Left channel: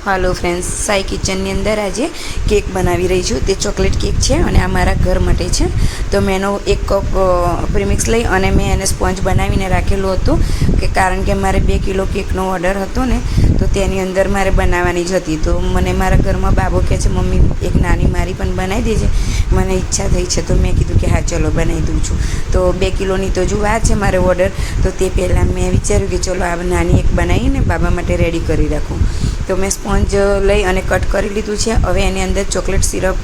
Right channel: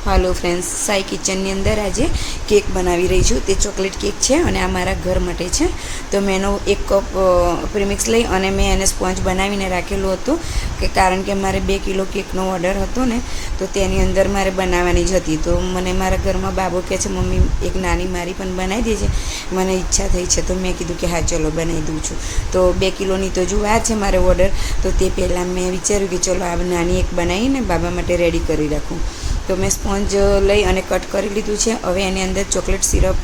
Hello friends, Sai kitchen अंदर आज cake बनावी रही छूँ। ते चॉकलेट केक है और आ मारा घर माटे है। तो मैं एनो 1 कप प्रीमिक्स लई अने मैं एने स्पॉन्ज बनावीने राखेलुं हतुं कि कारण के मारे 2 किलो केकनो ऑर्डर हतो ने, तो तेनी अंदर मारे बनावानी ज हती। तो मने मारा घरमां बाबो कहे छे मम्मी एक नानी मारी पण बनावी देजे, मने इच्छा थई छे। तो मैं कीधुं कि हाँ चलो बनावी दूँ छूं। तो 2 किलोनी तो जो आ छे मारे ऑर्डर, तो ते पहेला मैं विचार्युं कि चलो आ नानी एक बनावीने बाबा माटे रेडी करी राखूं। तो मैं स्पॉन्ज लई अने कट करी लीधुं छे। हवे एनी अंदर चॉकलेट सिरप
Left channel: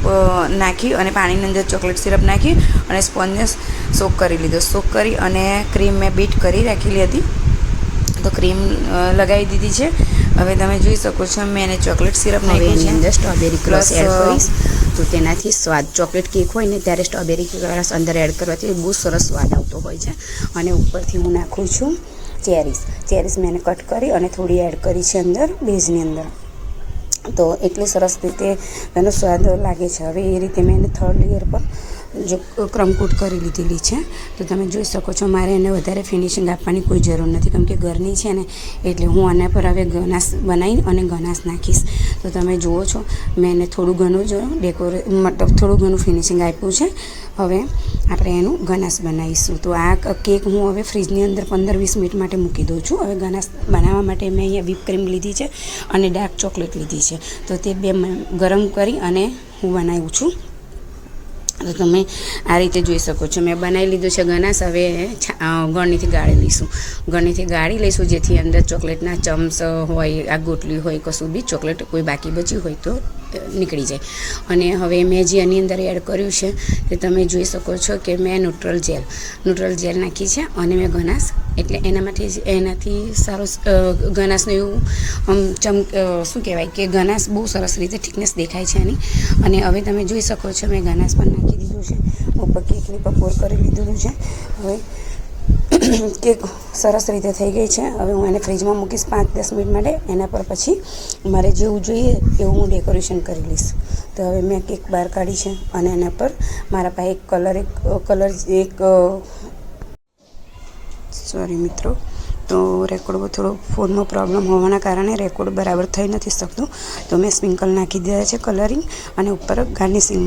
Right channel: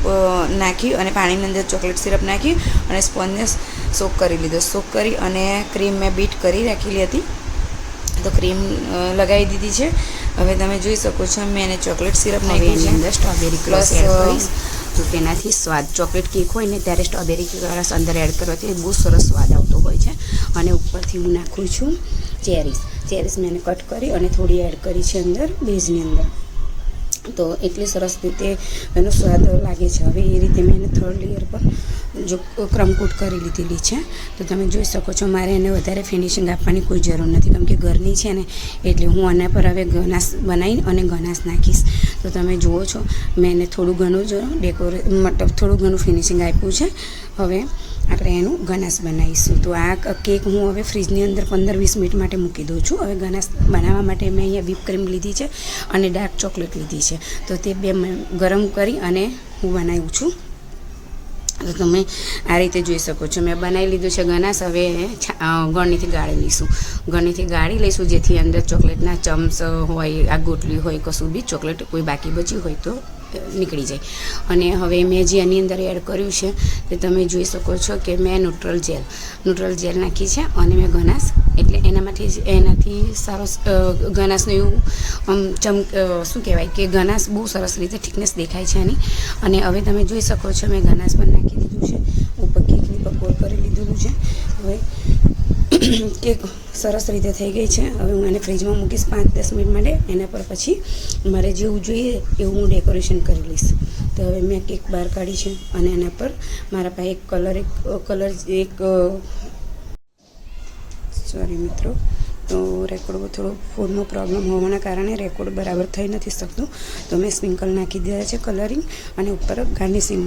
नाखी अने पाणीनी अंदर चॉकलेट सिरप नाखी अने स्पॉन्जने सोक करी लीधो। सोक करी अने क्रीम मैं बीट करी राखेली हती, तो क्रीम लगावी दीधी छे। हवे तमे जोई शको छो मैं एने चॉकलेट सिरप नाख्युं छे। अंदर स्ट्रॉबेरी क्रश एड करीश, तो तेनाथी स्वाद चॉकलेट केक होय ने त्यारे स्ट्रॉबेरी क्रश अंदर एड करवाथी बहुत सरस स्वाद आवतो होय छे। अने उपरथी हूँ नाखुं छुं चेरीस मैंने कट करी अने थोड़ी एड करी छे अंदर बेजनी अंदर, तो एटली सरस रीते एनो स्वाद लागे छे। हवे ए रीते मैंने 3rd लेयर पर जो क्रमकूट करी लीधेली छे। तो तमे जोई शको छो मारे एने वधारे फिनिशिंग आपवानी कोई जरूर नथी, केम के घरनी छे ने एटले हूँ आना पर हवे गनास बनावी अने गनास नाखीश। तो तमे जुओ छो मैंने थोड़ुं घणुं जो मतलब थोड़ुं घणुं फिनिशिंग आप्युं छे। हवे આપણે એનું ગનાસ બનાવીશું। તો આ કેક હું હવે ફ્રીજની અંદર 15-20 મિનિટ માટે મૂકી દઉં છું। હવે ગનાસ બનાવવા માટે મેં અહીંયા વ્હીપ ક્રીમ લીધી છે અને ડાર્ક ચોકલેટ લીધી છે, તો તે બે ગરમ કરી અને હું બનાવું છું। તો તમે આ રીતે જોઈ શકો છો મેં બનાવી લીધું છે ગનાસ। હવે ગળણીથી ગાળી લઈશું, ગળણીથી ગાળી લઈશું જેથી અંદર ચોકલેટના ચમ્સ હોય, આ ગોટલી હોય, કશું બી ચોકલેટ કોઈ બાકી બચી હોય તો નીકળી જાય। અને હવે મેં જે આની અંદર એડ કર્યું છે તે તમે જોઈ શકો છો કે મેં ન્યુટ્રલ જેલ નાખી છે અને મેં ગનાસ એટલે એનાથી સારો ગનાસનું એવું શું કહેવાય કે ગનાસ બહુ સરસ રીતે થિકનેસ દેખાય છે આની। અને હવે તમે જોઈ શકો છો મેં ગનાસ પણ નાખી દીધું છે, ઉપર કેકની પકોર કરી લીધેલું છે। હવે કેક સરસ રીતે થઈ ગઈ છે। હવે હું એને ફ્રીજમાં મૂકીશ 5-10 મિનિટ માટે, એના પર પછી મારે જેવું જોઈએ એવું હું ડેકોરેશન કરી લઈશ। તો હવે મેં કેક બહાર કાઢી છે અને એના પર મારા પાસે એક સોરી મિત્રો, તો રેકોર્ડ થોડો ફોનમાં પ્રોબ્લેમ હોવાના કારણે રેકોર્ડ બરાબર થઈ નથી શકતું। તો મેં સ્પ્રિંકલ નાખી દીધા છે કલરિંગ અને ઉપર ગાર્નિશિંગ